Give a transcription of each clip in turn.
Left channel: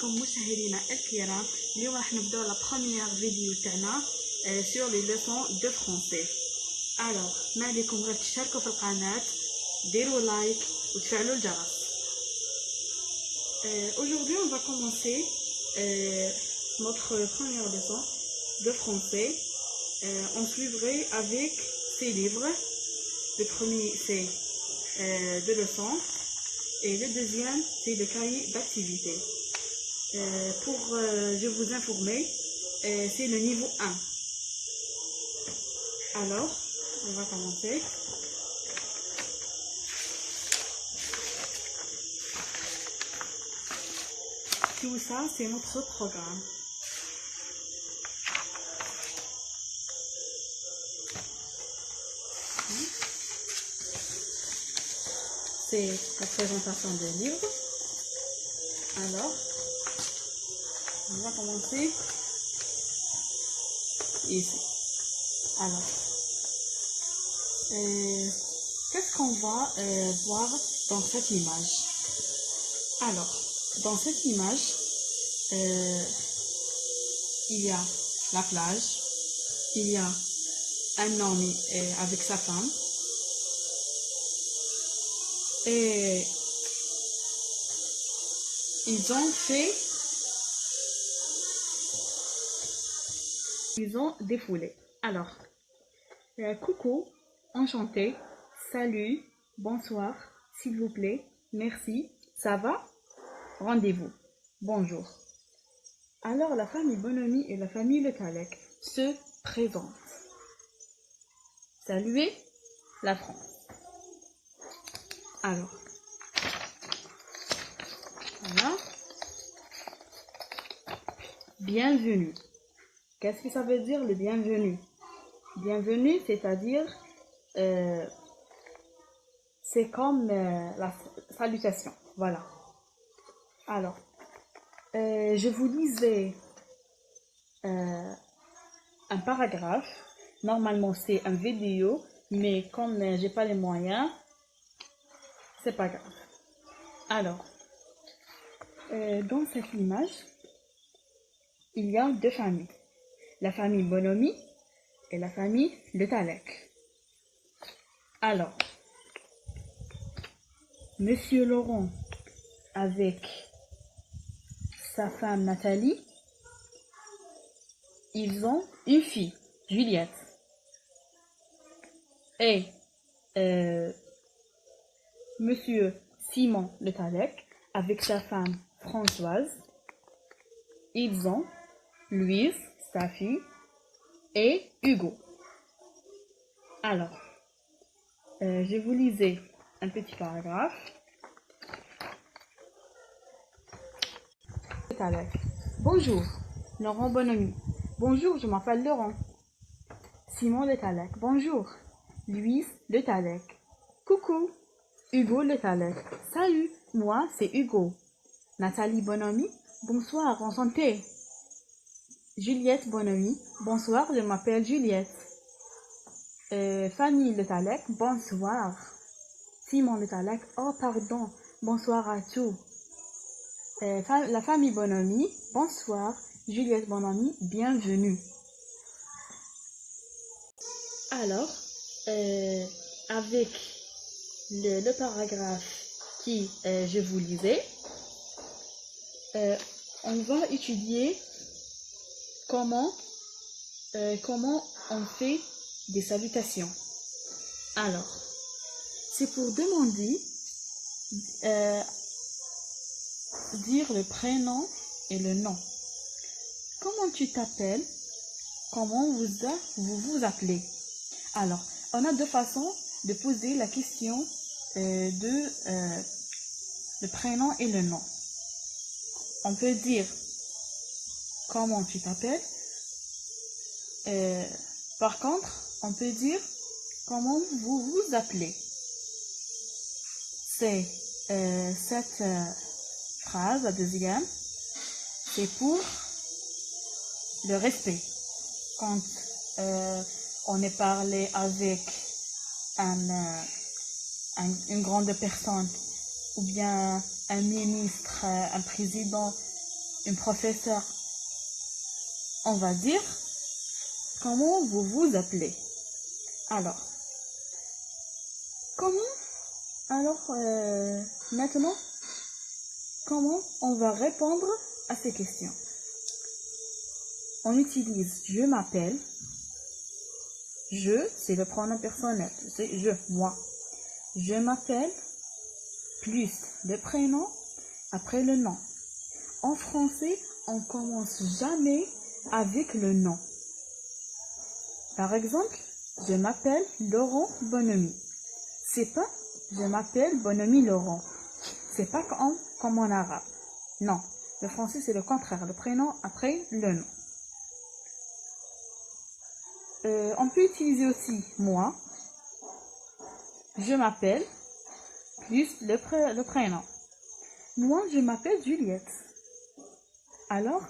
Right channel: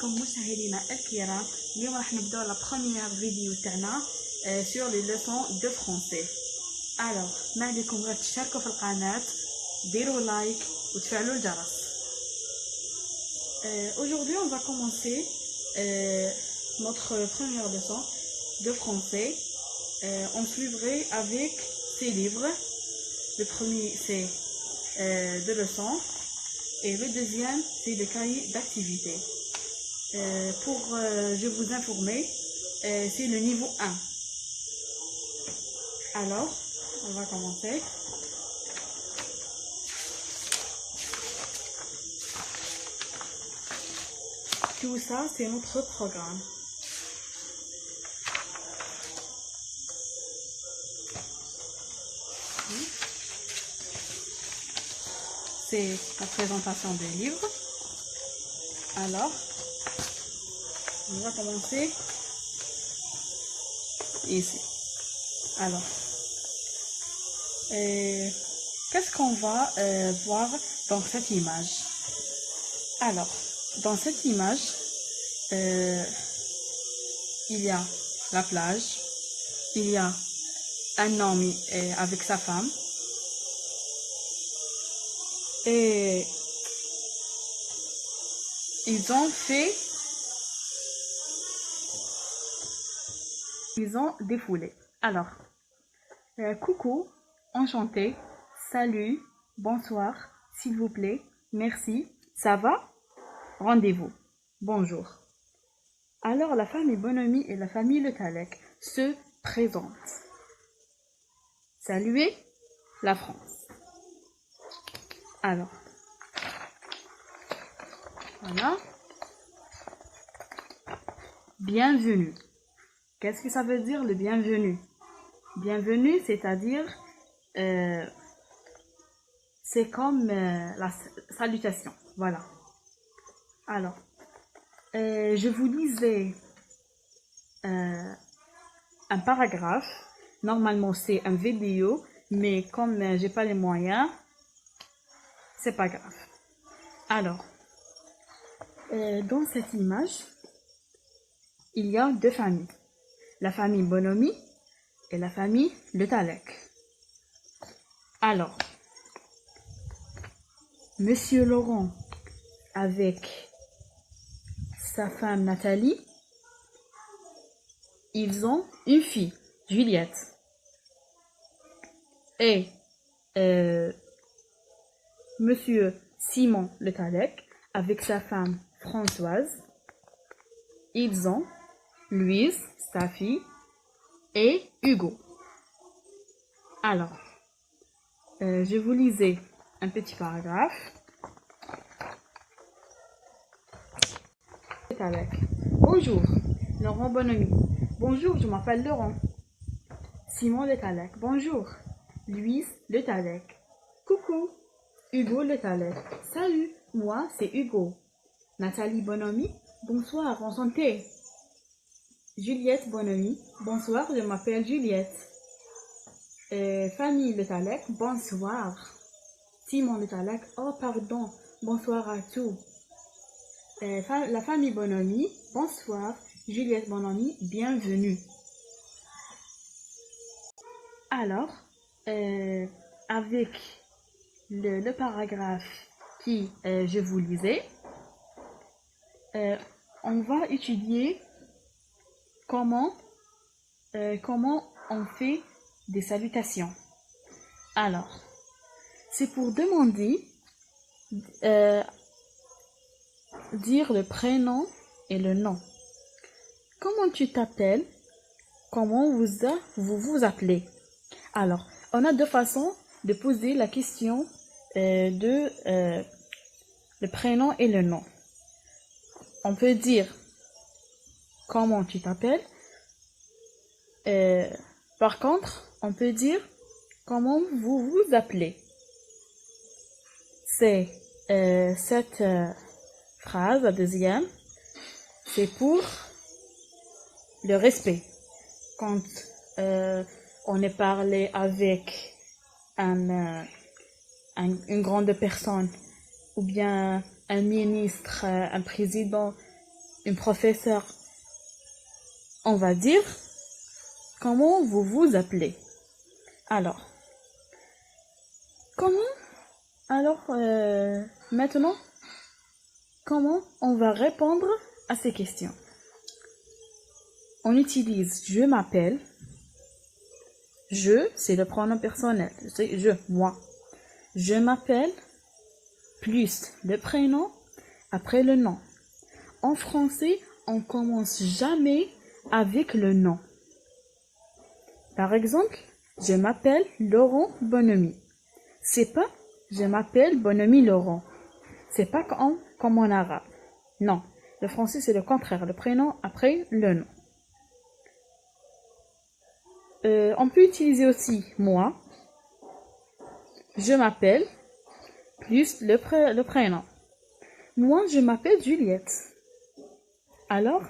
بكم مشاهدينا الكرام. اليوم راح نبدأ la première فيديو تاعنا sur les leçons de français. Alors ما عليكم غير تشتركوا في القناة، ديروا لايك وتفعلوا الجرس. Aujourd'hui on va commencer notre première leçon de français. On suivrait avec ces livres. Le premier c'est deux leçons et le deuxième c'est le cahier d'activité. Pour je vous informer, c'est le niveau 1. Alors, on va commencer. Tout ça, c'est notre programme. C'est la présentation des livres. Alors, on va commencer ici. Alors, qu'est-ce qu'on va voir dans cette image? Alors, dans cette image, il y a la plage, il y a un homme avec sa femme, et ils ont défoulé. Alors, coucou, enchanté, salut, bonsoir, s'il vous plaît, merci, ça va, rendez-vous, bonjour. Alors, la famille Bonhomie et la famille Le Tallec se présentent. Saluez la France. Alors, voilà. Bienvenue. Qu'est-ce que ça veut dire le bienvenue? Bienvenue, c'est-à-dire, c'est comme la salutation. Voilà. Alors, je vous lisais un paragraphe. Normalement, c'est une vidéo, mais comme j'ai pas les moyens, c'est pas grave. Alors, dans cette image, il y a deux familles. La famille Bonhomie et la famille Le Tallec. Alors, Monsieur Laurent avec sa femme Nathalie, ils ont une fille, Juliette. Et Monsieur Simon Le Tallec avec sa femme Françoise, ils ont Louise, sa fille, et Hugo. Alors, je vous lisais un petit paragraphe. Bonjour, Laurent Bonhomie. Bonjour, je m'appelle Laurent. Simon Le Tallec. Bonjour, Louise Le Tallec. Coucou, Hugo Le Tallec. Salut, moi c'est Hugo. Nathalie Bonhomie. Bonsoir, enchantée. Juliette Bonhomie. Bonsoir, je m'appelle Juliette. Famille Le Tallec. Bonsoir. Simon Le Tallec. Oh, pardon. Bonsoir à tous. La famille Bonhomie. Bonsoir. Juliette Bonhomie. Bienvenue. Alors, avec le paragraphe qui je vous lisais, on va étudier comment on fait des salutations. Alors, c'est pour demander dire le prénom et le nom. Comment tu t'appelles? Comment vous vous appelez? Alors, on a deux façons de poser la question de le prénom et le nom. On peut dire comment tu t'appelles. Par contre, on peut dire comment vous vous appelez. C'est cette phrase, la deuxième, c'est pour le respect. Quand on est parlé avec une grande personne ou bien un ministre, un président, une professeure, on va dire comment vous vous appelez. Alors, maintenant, comment on va répondre à ces questions? On utilise je m'appelle. Je, c'est le pronom personnel. C'est je, moi. Je m'appelle plus le prénom après le nom. En français, on commence jamais avec le nom. Par exemple, je m'appelle Laurent Bonhomme. C'est pas je m'appelle Bonhomme Laurent. C'est pas comme en arabe. Non, le français c'est le contraire, le prénom après le nom. On peut utiliser aussi moi. Je m'appelle plus le prénom. Moi, je m'appelle Juliette. Alors,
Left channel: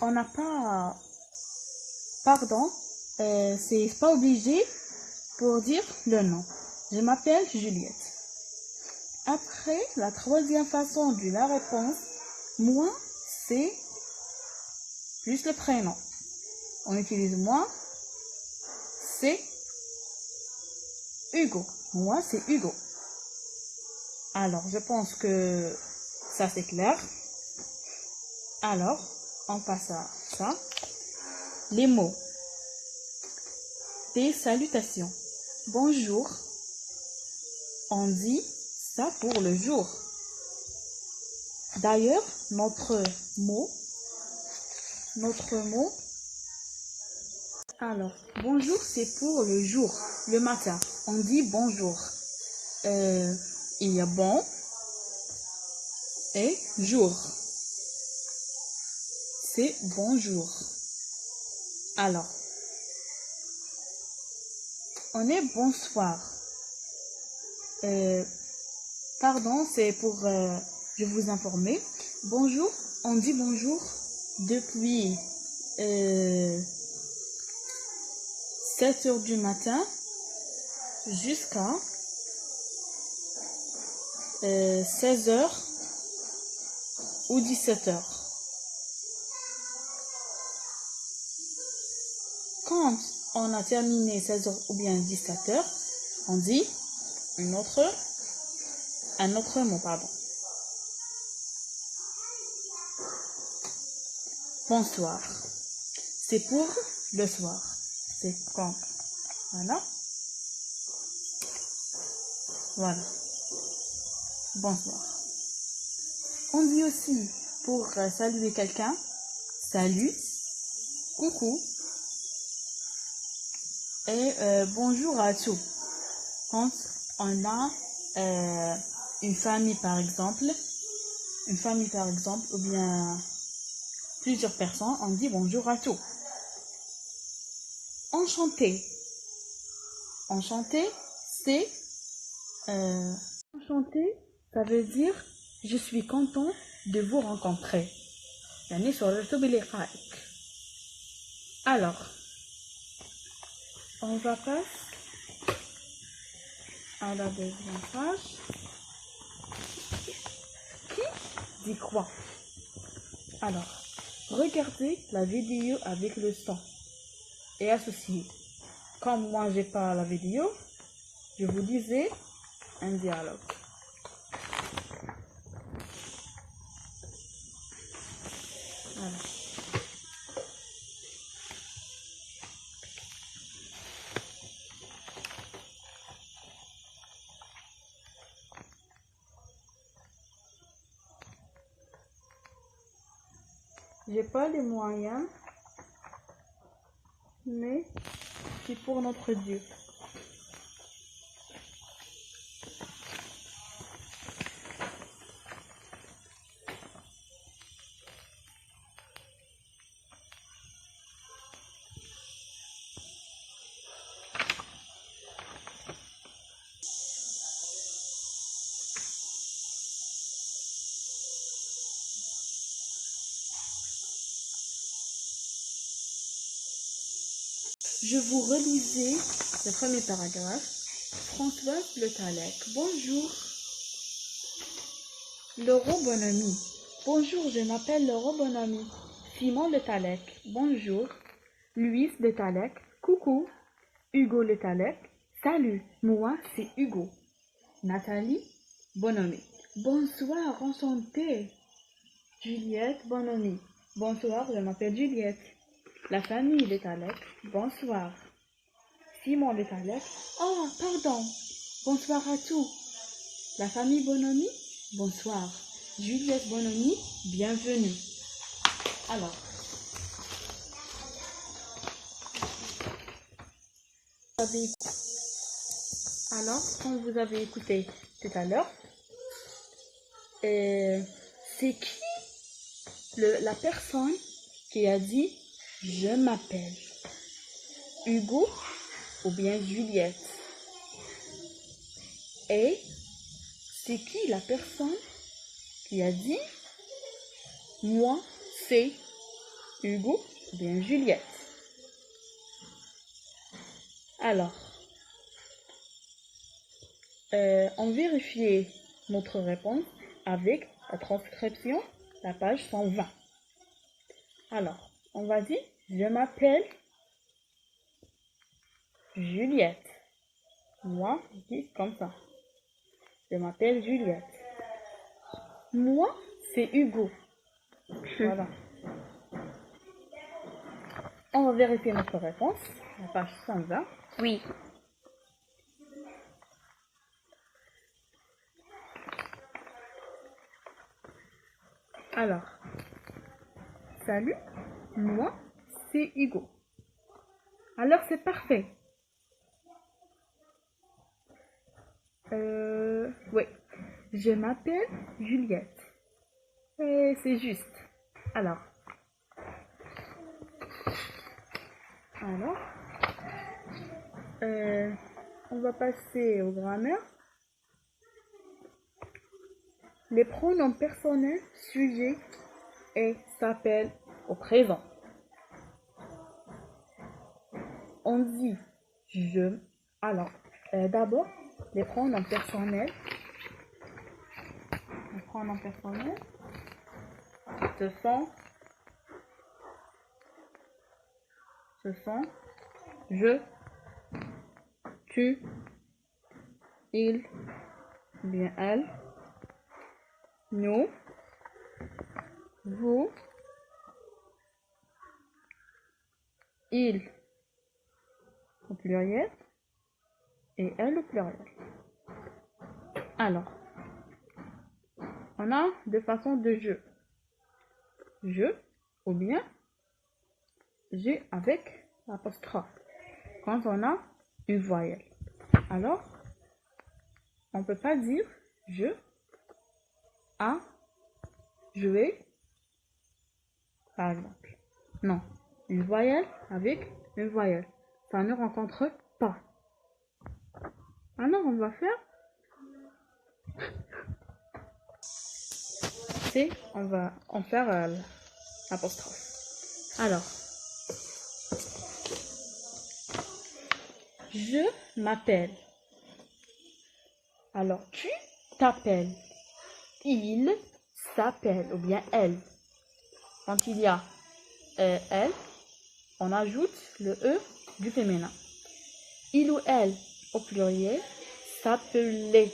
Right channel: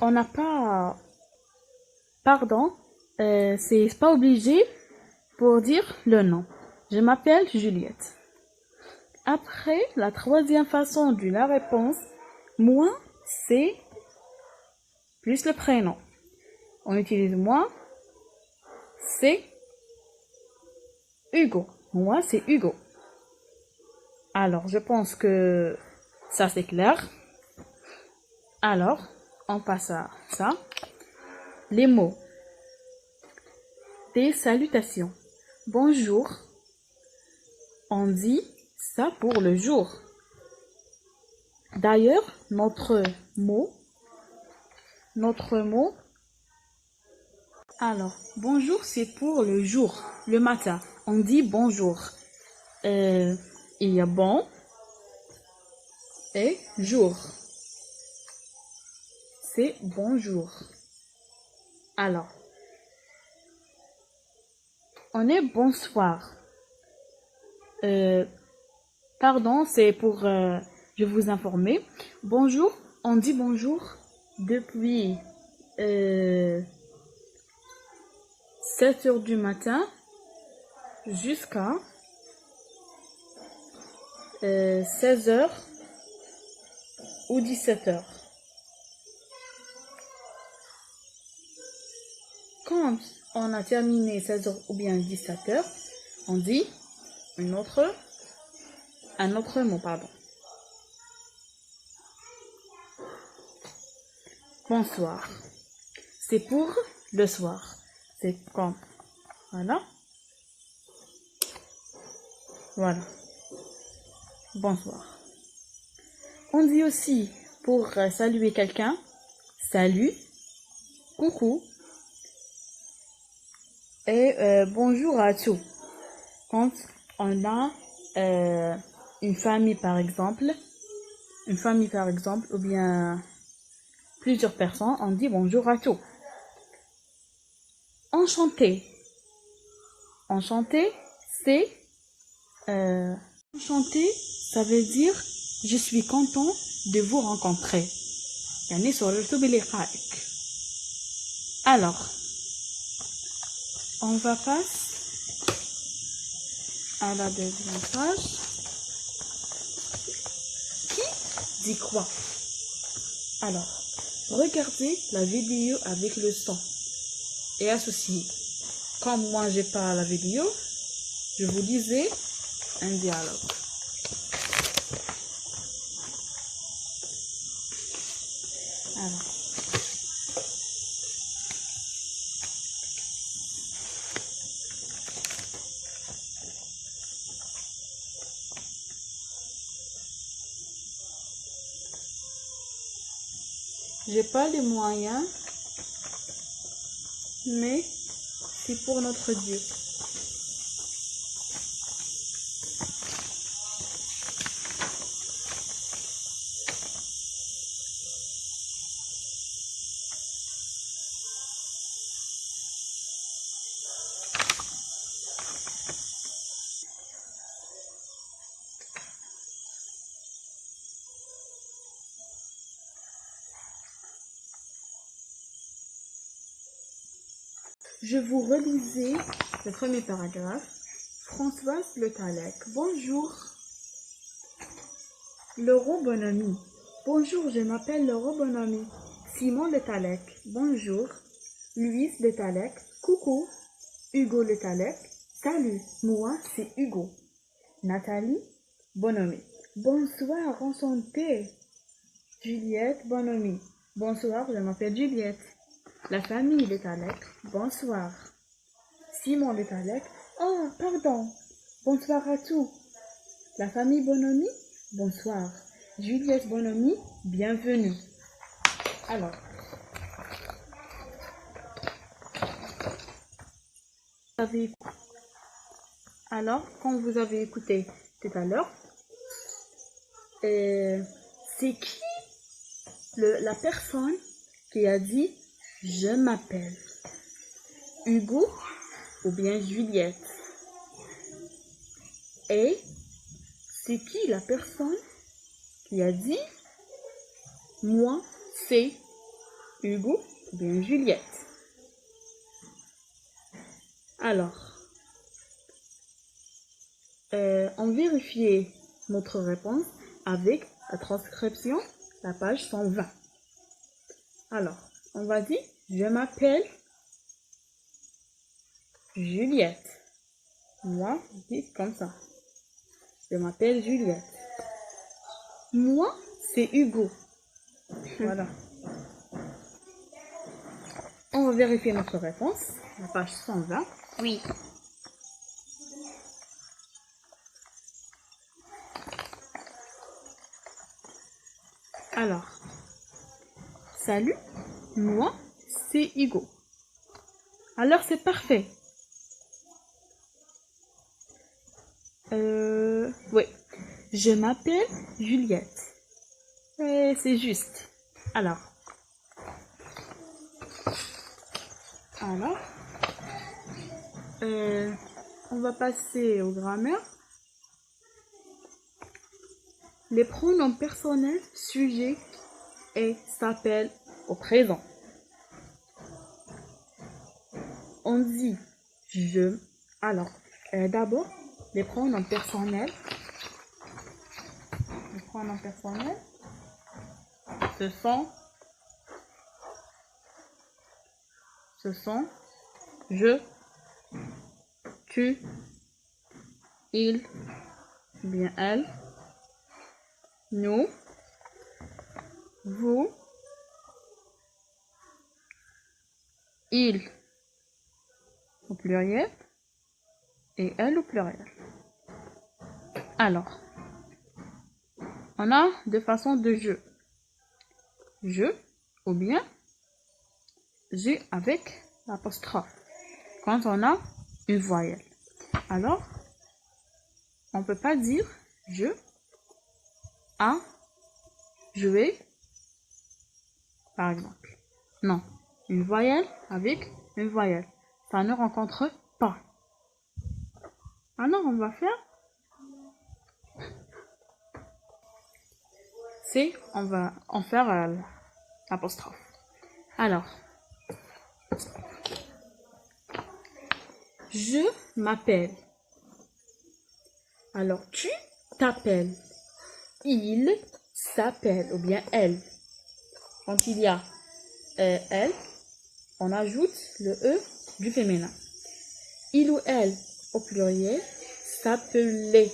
on n'a pas... Pardon, c'est pas obligé pour dire le nom. Je m'appelle Juliette. Après, la troisième façon de la réponse, moi, c'est plus le prénom. On utilise moi, c'est Hugo. Moi, c'est Hugo. Alors, je pense que ça, c'est clair. Alors, on passe à ça. Les mots. Des salutations. Bonjour. On dit ça pour le jour. D'ailleurs, notre mot. Alors, bonjour, c'est pour le jour, le matin. On dit bonjour. Il y a bon et jour. C'est bonjour. Alors, on est bonsoir. Pardon, c'est pour je vous informer. Bonjour, on dit bonjour depuis 7 heures du matin jusqu'à 16 heures ou 17 heures. Quand on a terminé 16 heures ou bien 17 heures, on dit un autre mot, pardon. Bonsoir. C'est pour le soir. C'est comme. Voilà. Voilà. Bonsoir. On dit aussi pour saluer quelqu'un, salut, coucou et bonjour à tous. Quand on a une famille par exemple, ou bien plusieurs personnes, on dit bonjour à tous. Enchanté. Enchanté, c'est enchanté, ça veut dire je suis content de vous rencontrer. Alors, on va passer à la deuxième page. Qui dit quoi? Alors, regardez la vidéo avec le son et associé. Comme moi j'ai pas la vidéo, je vous disais un dialogue. Alors. J'ai pas les moyens, mais c'est pour notre Dieu. Je vous relisais le premier paragraphe. Françoise Le Tallec. Bonjour. Laurent Bonhomme. Bonjour, je m'appelle Laurent Bonhomme. Simon Le Talec. Bonjour. Louis Le Talec. Coucou. Hugo Le Talec. Salut, moi c'est Hugo. Nathalie Bonhomme. Bonsoir, enchanté. Juliette Bonhomme. Bonsoir, je m'appelle Juliette. La famille Le Talec. Bonsoir. Simon Le Talec. Oh, pardon. Bonsoir à tous. La famille Bonhomme. Bonsoir. Juliette Bonhomme, bienvenue. Alors, comme vous avez écouté tout à l'heure, c'est qui la personne qui a dit « Je m'appelle Hugo » ou bien Juliette? Et c'est qui la personne qui a dit « Moi, c'est Hugo » ou bien Juliette? Alors, on vérifie notre réponse avec la transcription, la page 120. Alors, on va dire « Je m'appelle Juliette ». Moi, je dis comme ça. Je m'appelle Juliette. Moi, c'est Hugo. Voilà. On va vérifier notre réponse. La page 120. Oui. Alors, salut, moi, c'est Hugo. Alors, c'est parfait. Oui, je m'appelle Juliette. C'est juste. Alors, on va passer aux grammaires. Les pronoms personnels, sujet et s'appellent au présent. On dit je. Alors, d'abord, les pronoms personnels. Les pronoms personnels, ce sont je, tu, il, bien elle, nous, vous, il au pluriel et elle au pluriel. Alors, on a deux façons de je ou bien je avec l'apostrophe quand on a une voyelle. Alors, on ne peut pas dire je a joué, par exemple. Non, une voyelle avec une voyelle. Ça ne rencontre pas. Alors, on va faire. On va en faire l'apostrophe. Alors, je m'appelle. Alors, tu t'appelles. Il s'appelle ou bien elle. Quand il y a elle, on ajoute le E du féminin. Il ou elle au pluriel s'appelait.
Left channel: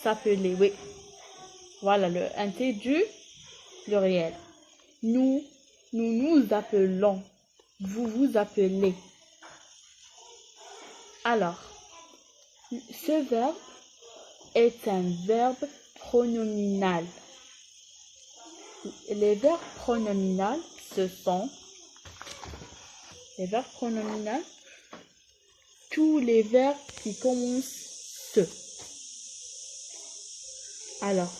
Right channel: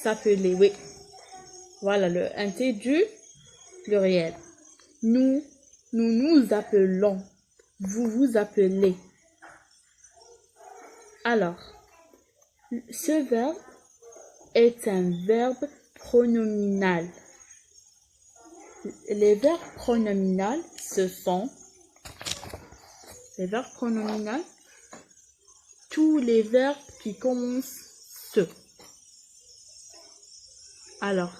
S'appelait, oui. Voilà le NT du pluriel. Nous nous appelons. Vous vous appelez. Alors, ce verbe est un verbe pronominal. Les verbes pronominaux, ce sont les verbes pronominaux, tous les verbes qui commencent ce. Alors,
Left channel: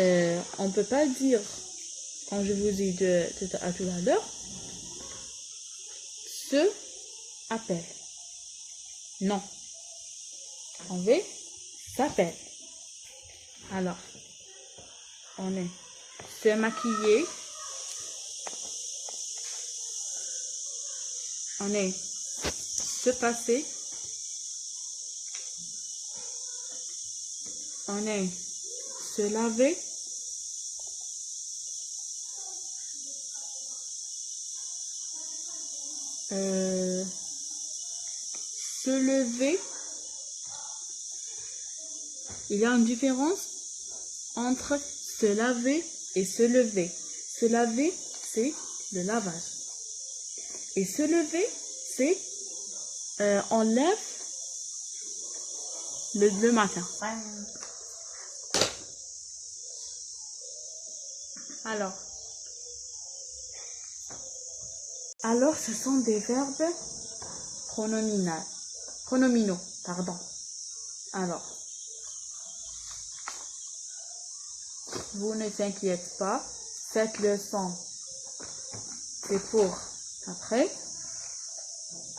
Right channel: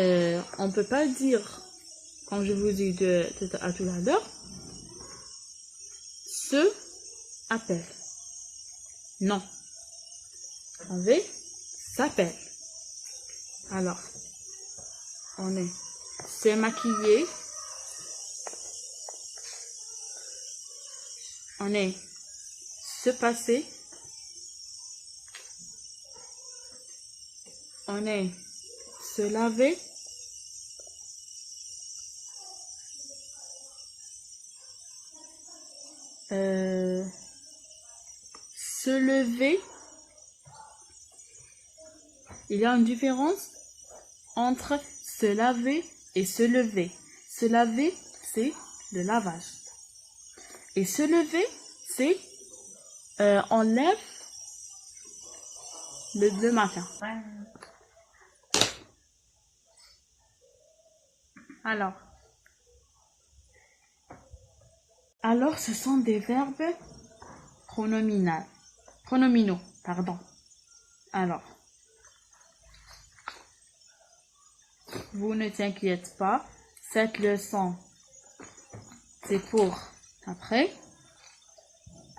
on ne peut pas dire, comme je vous ai dit à tout à l'heure, se appelle. Non. On veut s'appelle. Alors, on est se maquiller. On est se passer. On est se laver. Se lever. Il y a une différence entre se laver et se lever. Se laver, c'est le lavage. Et se lever, c'est on lève le matin. Alors, ce sont des verbes pronominaux, pardon. Alors, vous ne t'inquiète pas, cette leçon, c'est pour après.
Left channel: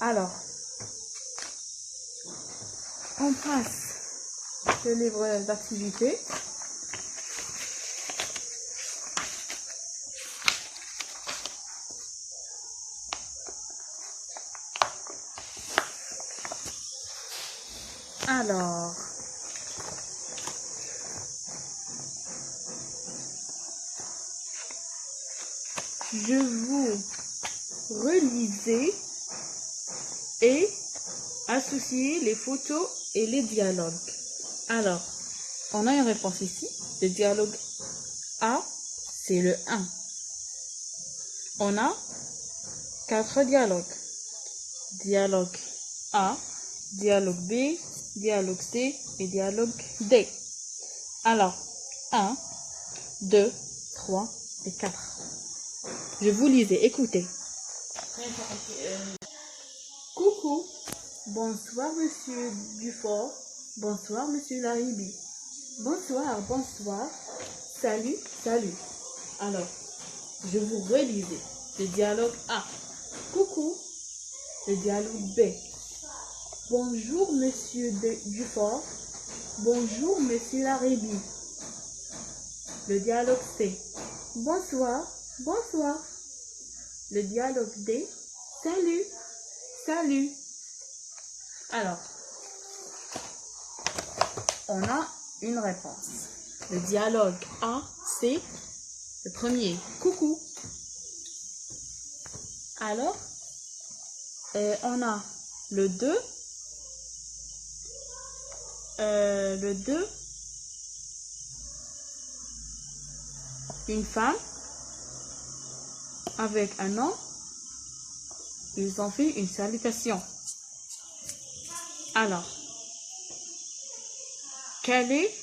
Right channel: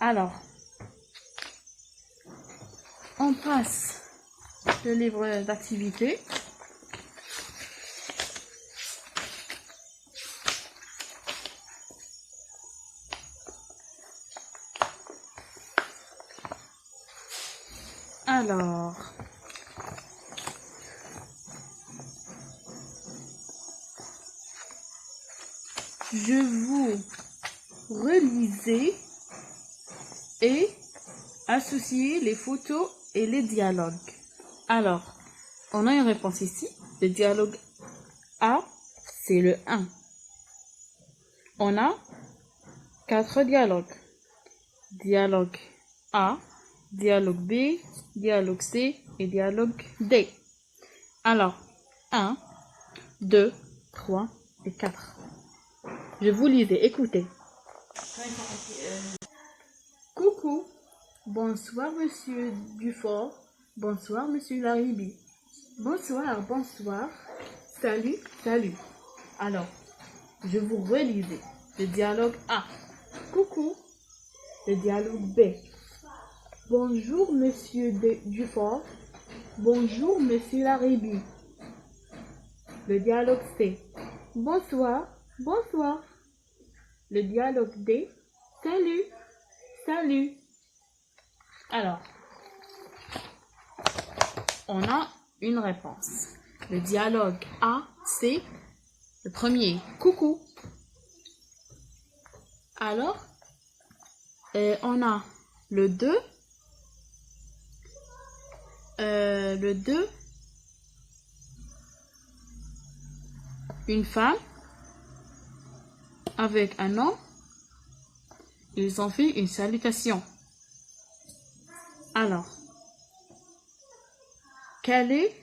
Alors, on passe le livre d'activité. Alors, je vous relisez et associez les photos et les dialogues. Alors, on a une réponse ici. Le dialogue A, c'est le 1. On a 4 dialogues. Dialogue A, dialogue B, dialogue C et dialogue D. Alors, 1, 2, 3 et 4. Je vous lisais, écoutez. Coucou, bonsoir monsieur Dufort, bonsoir monsieur Laribi. Bonsoir, bonsoir, salut, salut. Alors, je vous relisais le dialogue A. Coucou, le dialogue B. Bonjour monsieur Dufort, bonjour monsieur Laribi. Le dialogue C. Bonsoir, bonsoir. Le dialogue D. Salut, salut. Alors, on a une réponse. Le dialogue A, c'est le premier. Coucou. Alors, on a le 2. Le 2. Une femme avec un homme. Ils ont fait une salutation. Alors, quel est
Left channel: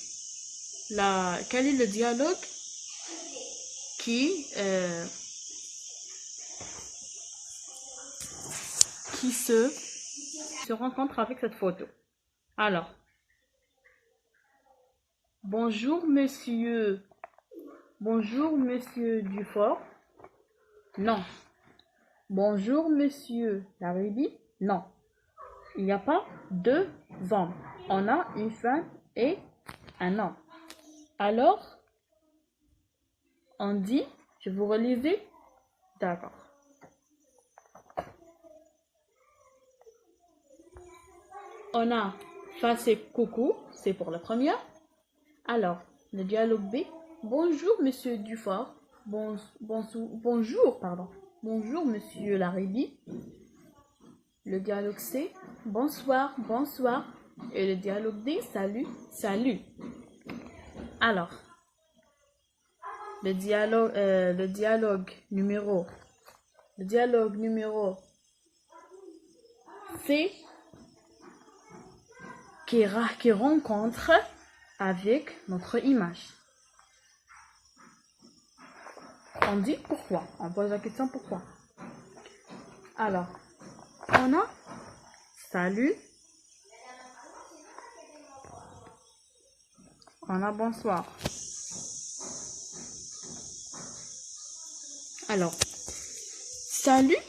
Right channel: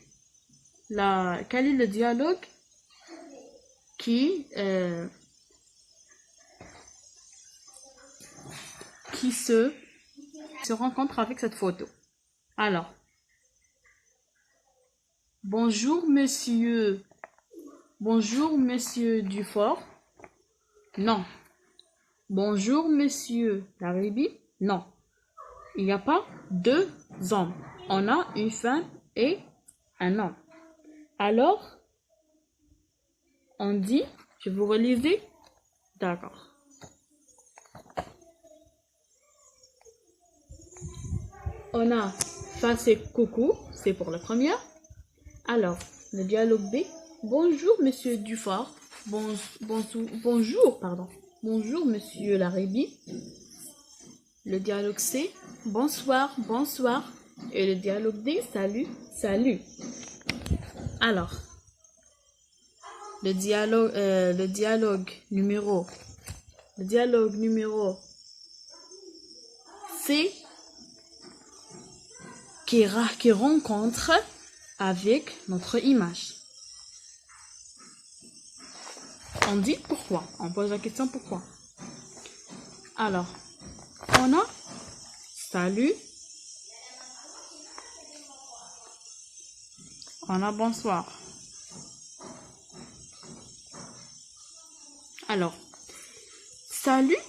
le dialogue qui se rencontre avec cette photo? Alors, bonjour monsieur Dufort. Non. Bonjour monsieur Laribi. Non. Il n'y a pas 2 hommes. On a une femme et un homme. Alors, on dit, je vous relisais. D'accord. On a ça, c'est coucou, c'est pour la première. Alors, le dialogue B. Bonjour monsieur Dufort. Bonjour, pardon. Bonjour monsieur Laribi. Le dialogue C. Bonsoir, bonsoir. Et le dialogue D. Salut, salut. Alors, le dialogue numéro C qui rencontre avec notre image. On dit pourquoi. On pose la question pourquoi. Alors, on a salut. On a bonsoir. Alors, salut.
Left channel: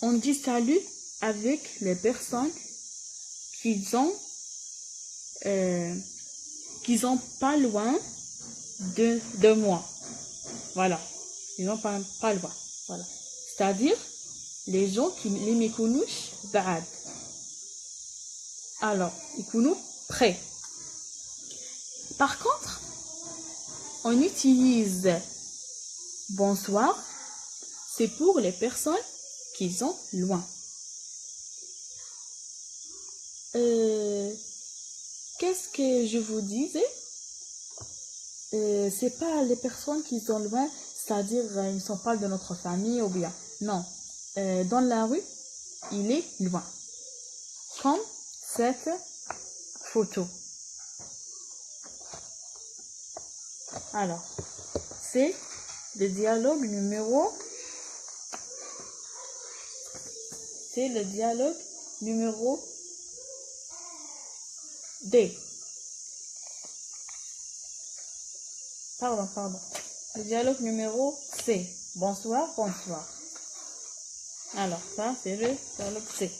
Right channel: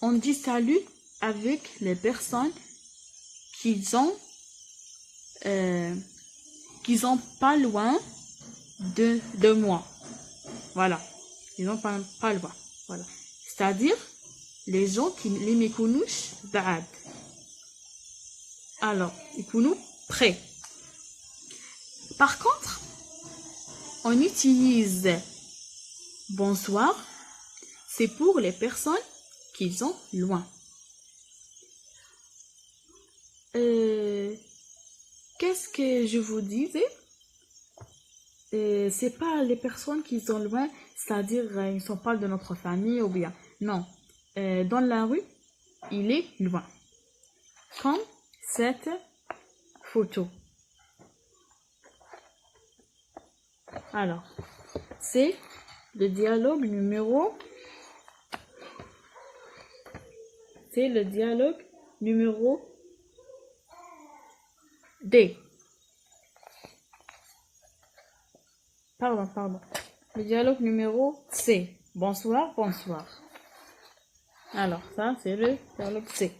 On dit salut avec les personnes qui sont pas loin de moi. Voilà. Ils sont pas loin. Voilà. C'est-à-dire les gens qui les méconouchent بعاد. Alors, ils connaissent près. Par contre, on utilise bonsoir, c'est pour les personnes qui sont loin. Qu'est-ce que je vous disais? C'est pas les personnes qui sont loin, c'est-à-dire ils ne sont pas de notre famille ou bien. Non, dans la rue, il est loin. Comme cette photo. Alors, c'est le dialogue numéro. C'est le dialogue numéro D. Pardon. Le dialogue numéro C. Bonsoir, bonsoir. Alors, ça, c'est le dialogue C.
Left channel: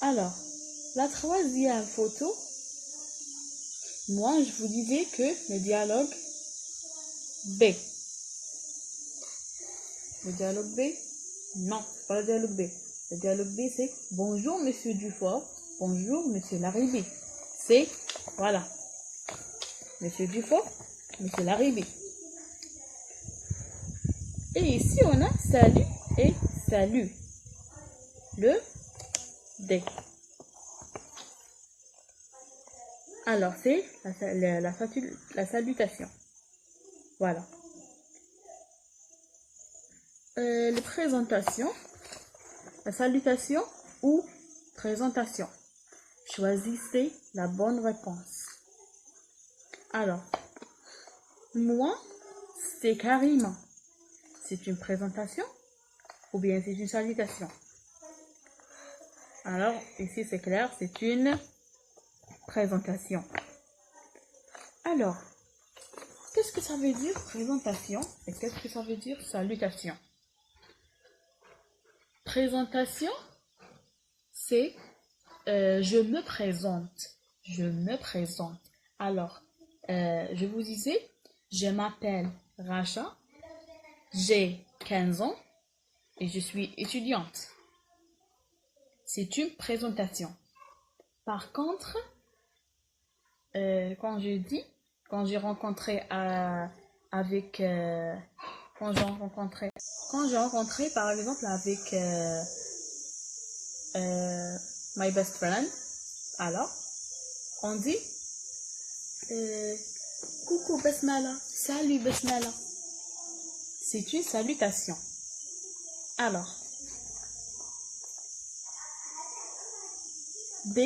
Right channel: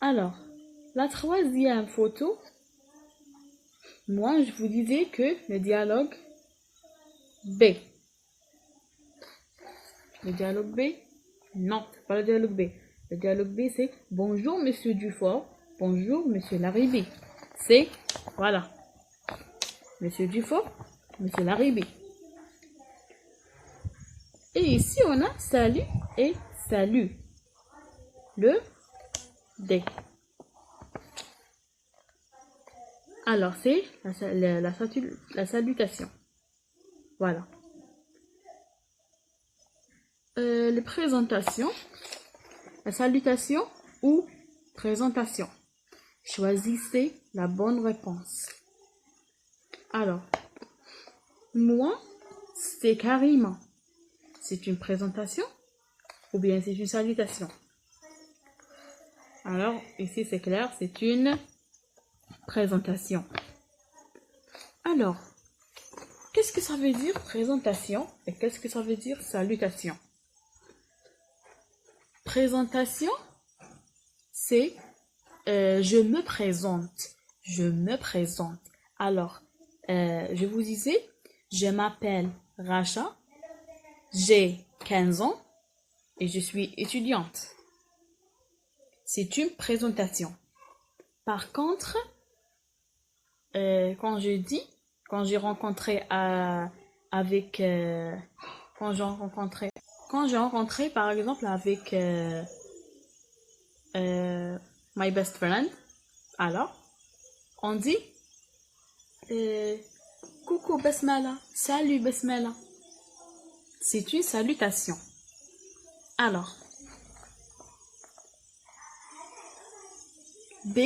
Alors, la troisième photo, moi, je vous disais que le dialogue B. Le dialogue B? Non, c'est pas le dialogue B. Le dialogue B, c'est bonjour, monsieur Dufort. Bonjour, monsieur Larribé. C'est, voilà. Monsieur Dufort, monsieur Larribé. Et ici, on a salut et salut. Le D. Alors, c'est la salutation. Voilà. Les présentations. La salutation ou présentation. Choisissez la bonne réponse. Alors, moi, c'est Karima. C'est une présentation ou bien c'est une salutation? Alors, ici, c'est clair, c'est une présentation. Alors, qu'est-ce que ça veut dire présentation et qu'est-ce que ça veut dire salutation? Présentation, c'est je me présente. Je me présente. Alors, je vous disais, je m'appelle Racha, j'ai 15 ans et je suis étudiante. C'est une présentation. Par contre, quand j'ai rencontré par exemple avec my best friend, alors on dit coucou Basmala, salut Basmala. C'est une salutation. Alors, B,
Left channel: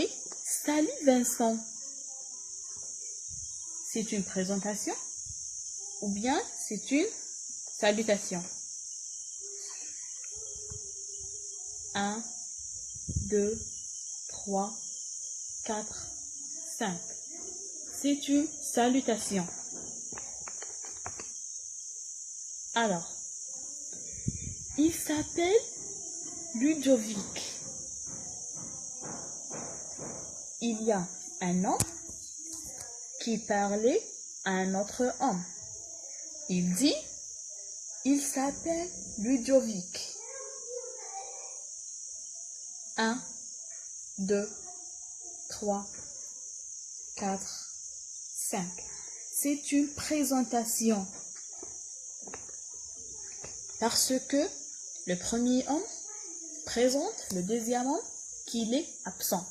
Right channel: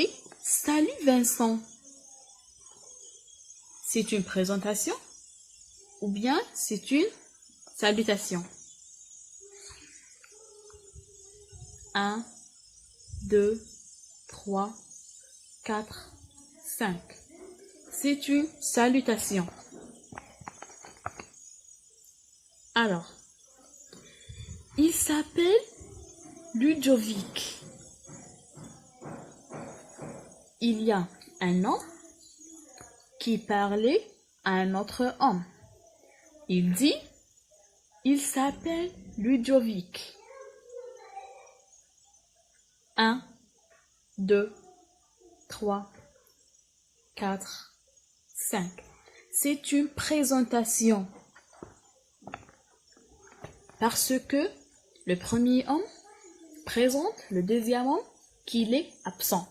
salut Vincent. C'est une présentation ou bien c'est une salutation? 1, 2, 3, 4, 5. C'est une salutation. Alors, il s'appelle Ludovic. Il y a un homme qui parlait à un autre homme. Il dit, il s'appelle Ludovic. 1, 2, 3, 4, 5. C'est une présentation. Parce que le premier homme présente le deuxième homme qu'il est absent.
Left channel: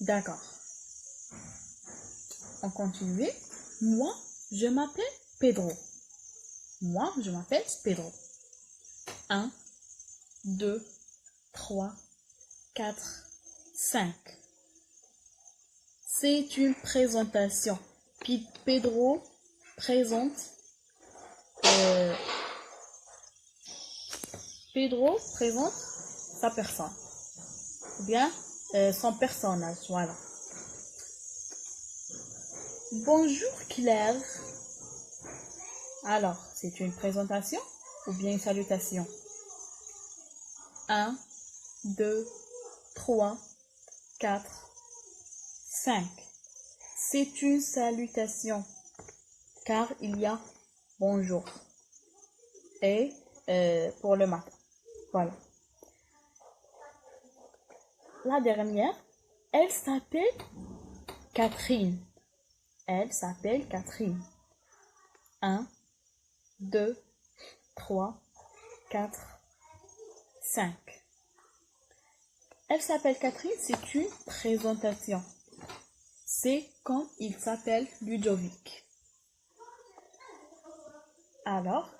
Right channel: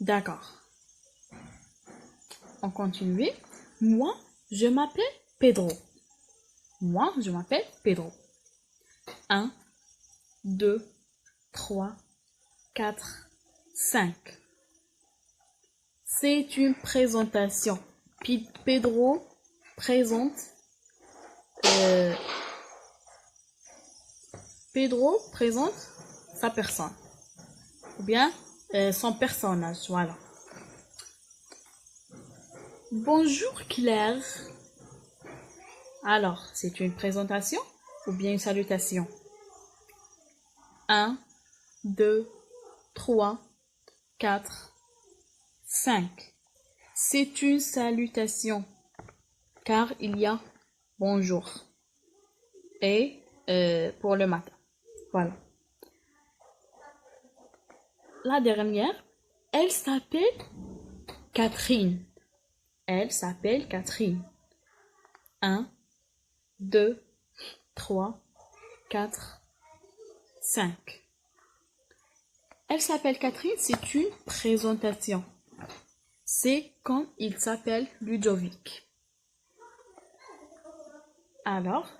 D'accord. On continue. Moi, je m'appelle Pedro. Moi, je m'appelle Pedro. 1, 2, 3, 4, 5. C'est une présentation. Pedro présente sa personne. Ou bien son personnage. Voilà. Bonjour Claire. Alors, c'est une présentation ou bien une salutation? 1, 2, 3, 4, 5. C'est une salutation car il y a bonjour et pour le matin. Voilà. La dernière, Elle s'appelle Catherine. Elle s'appelle Catherine. 1, 2, 3, 4, 5. Elle s'appelle Catherine, c'est une présentation. C'est quand il s'appelle Ludovic. Alors,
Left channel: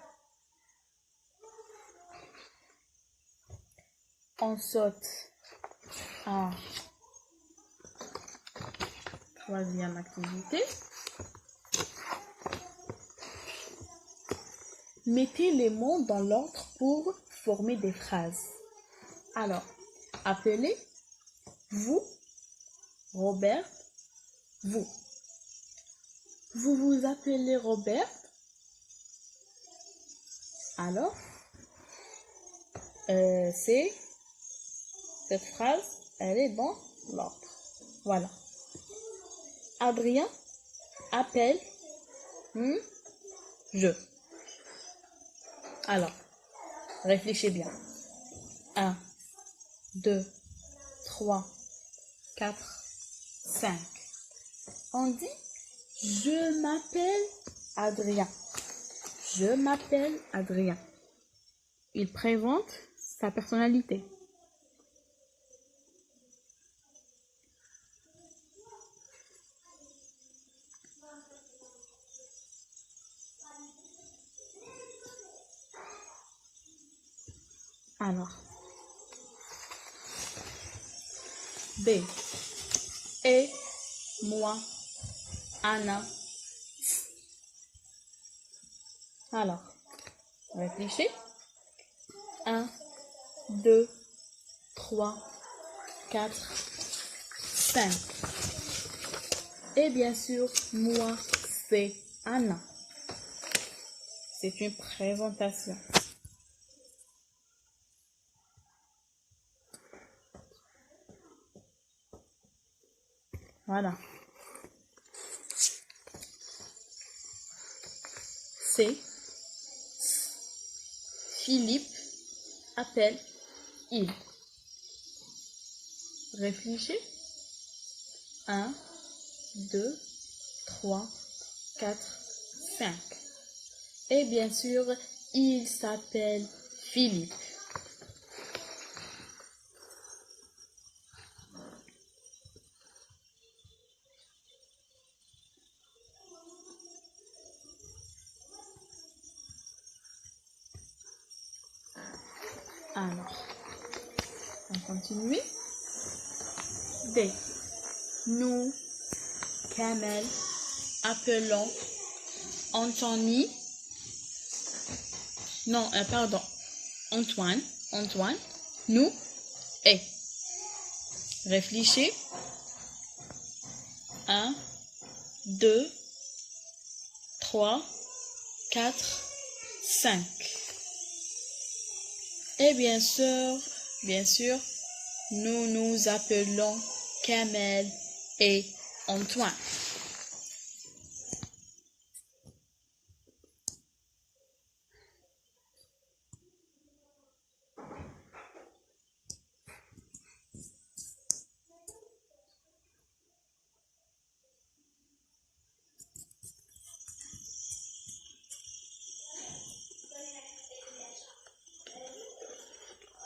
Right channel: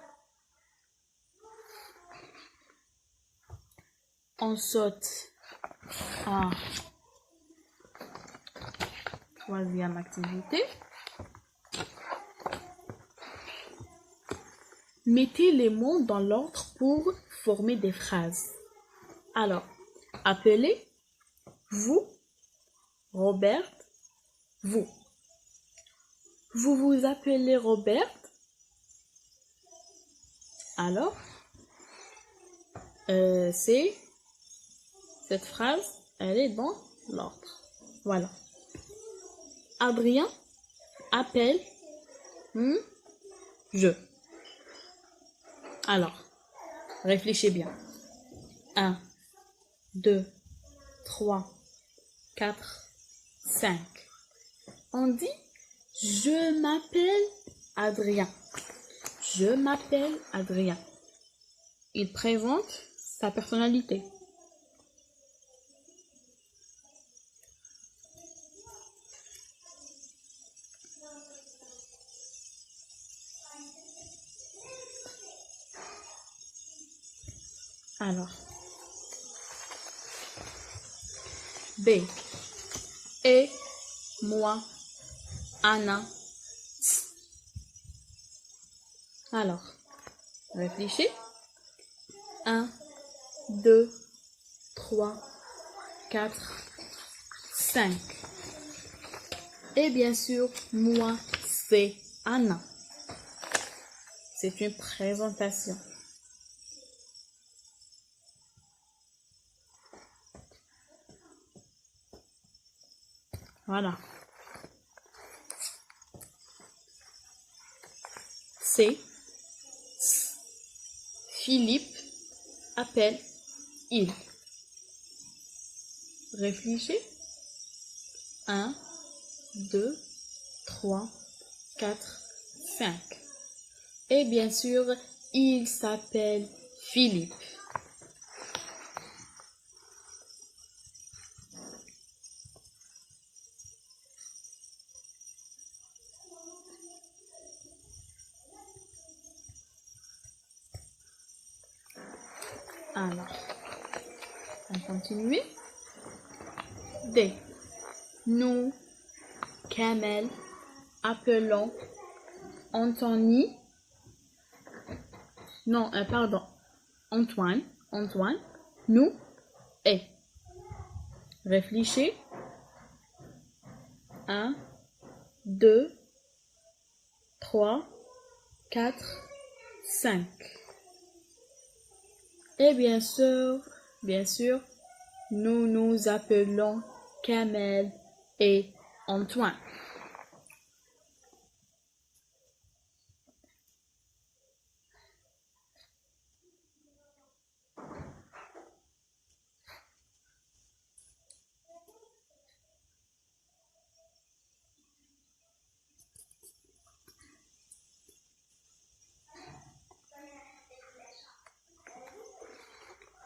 on saute à troisième activité. Mettez les mots dans l'ordre pour former des phrases. Alors, appelez, vous, Robert, vous. Vous vous appelez Robert. Alors, c'est cette phrase, elle est dans l'ordre. Voilà. Adrien appelle je. Alors, réfléchissez bien. 1, 2, 3, 4, 5. On dit je m'appelle Adrien. Je m'appelle Adrien. Il présente sa personnalité. Alors, B. Et moi, Anna. Alors, réfléchis. 1, 2, 3, 4, 5. Et bien sûr, moi, c'est Anna. C'est une présentation. Voilà. C'est Philippe appelle il. Réfléchis. 1, 2, 3, 4, 5. Et bien sûr, il s'appelle Philippe. Alors, on continue. D. Nous, Kamel, appelons Anthony. Non, pardon. Antoine. Nous et. Réfléchis. 1, 2, 3, 4, 5. Et bien sûr, nous nous appelons Kamel et Antoine.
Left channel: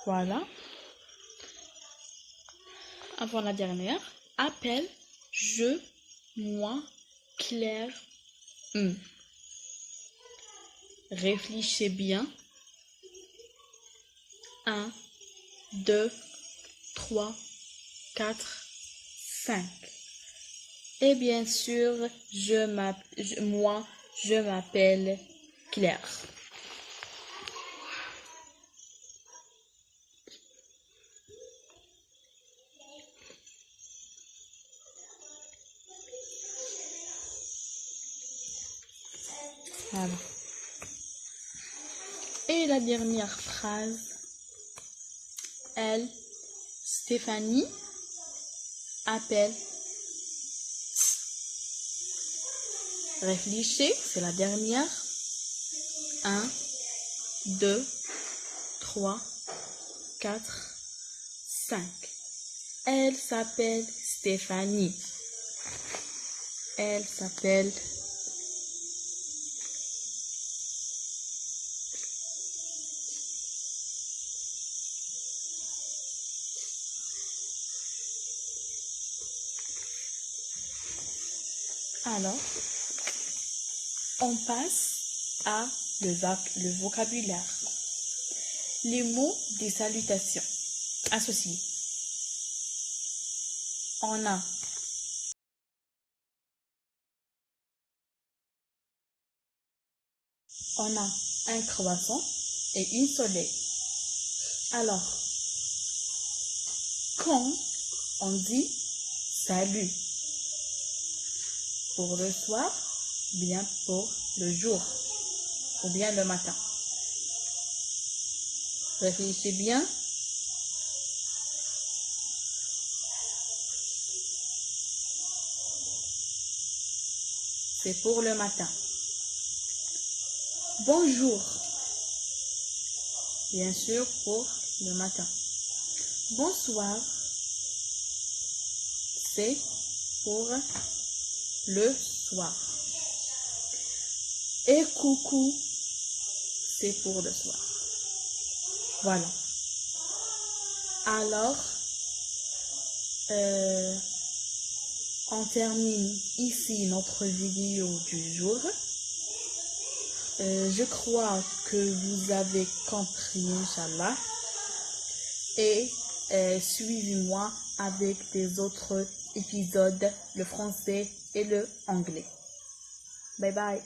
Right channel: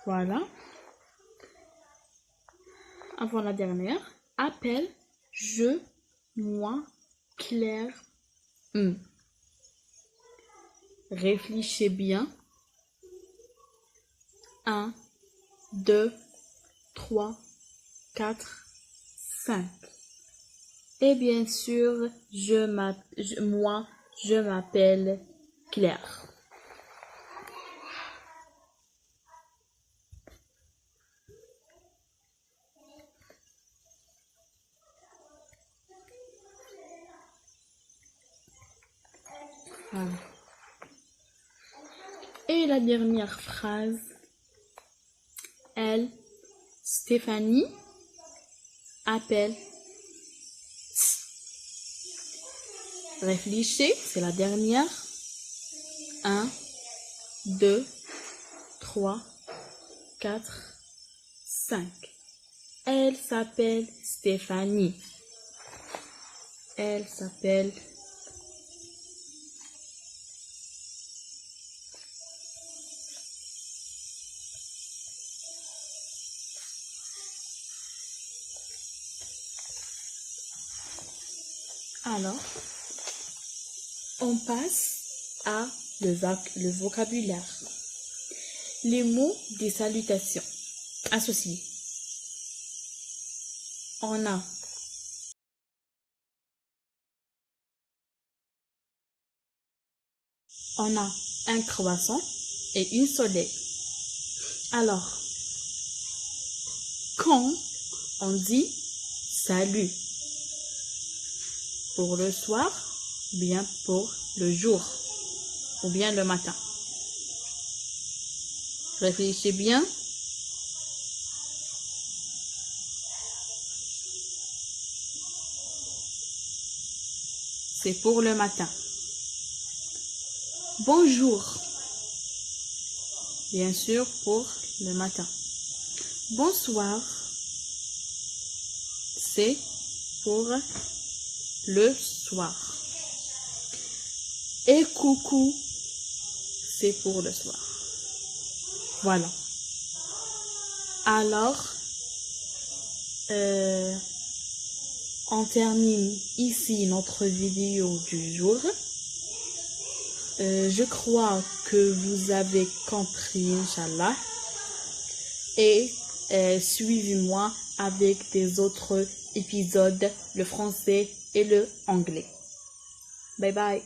Voilà. Avant la dernière. Appelle, je, moi, Claire, Réfléchissez bien. 1, 2, 3, 4, 5. Et bien sûr, moi, je m'appelle Claire. Voilà. Et la dernière phrase, elle, Stéphanie, appelle. Réfléchissez, c'est la dernière. 1, 2, 3, 4, 5. Elle s'appelle Stéphanie. Elle s'appelle alors, on passe à le vocabulaire. Les mots de salutation associés. On a un croissant et une soleil. Alors, quand on dit salut, pour le soir, bien pour le jour, ou bien le matin. Réfléchissez bien. C'est pour le matin. Bonjour. Bien sûr, pour le matin. Bonsoir. C'est pour le soir. Et coucou, c'est pour le soir. Voilà. Alors, on termine ici notre vidéo du jour. Je crois que vous avez compris, Inch'Allah. Et suivez-moi avec des autres épisodes, le français et le anglais. Bye bye.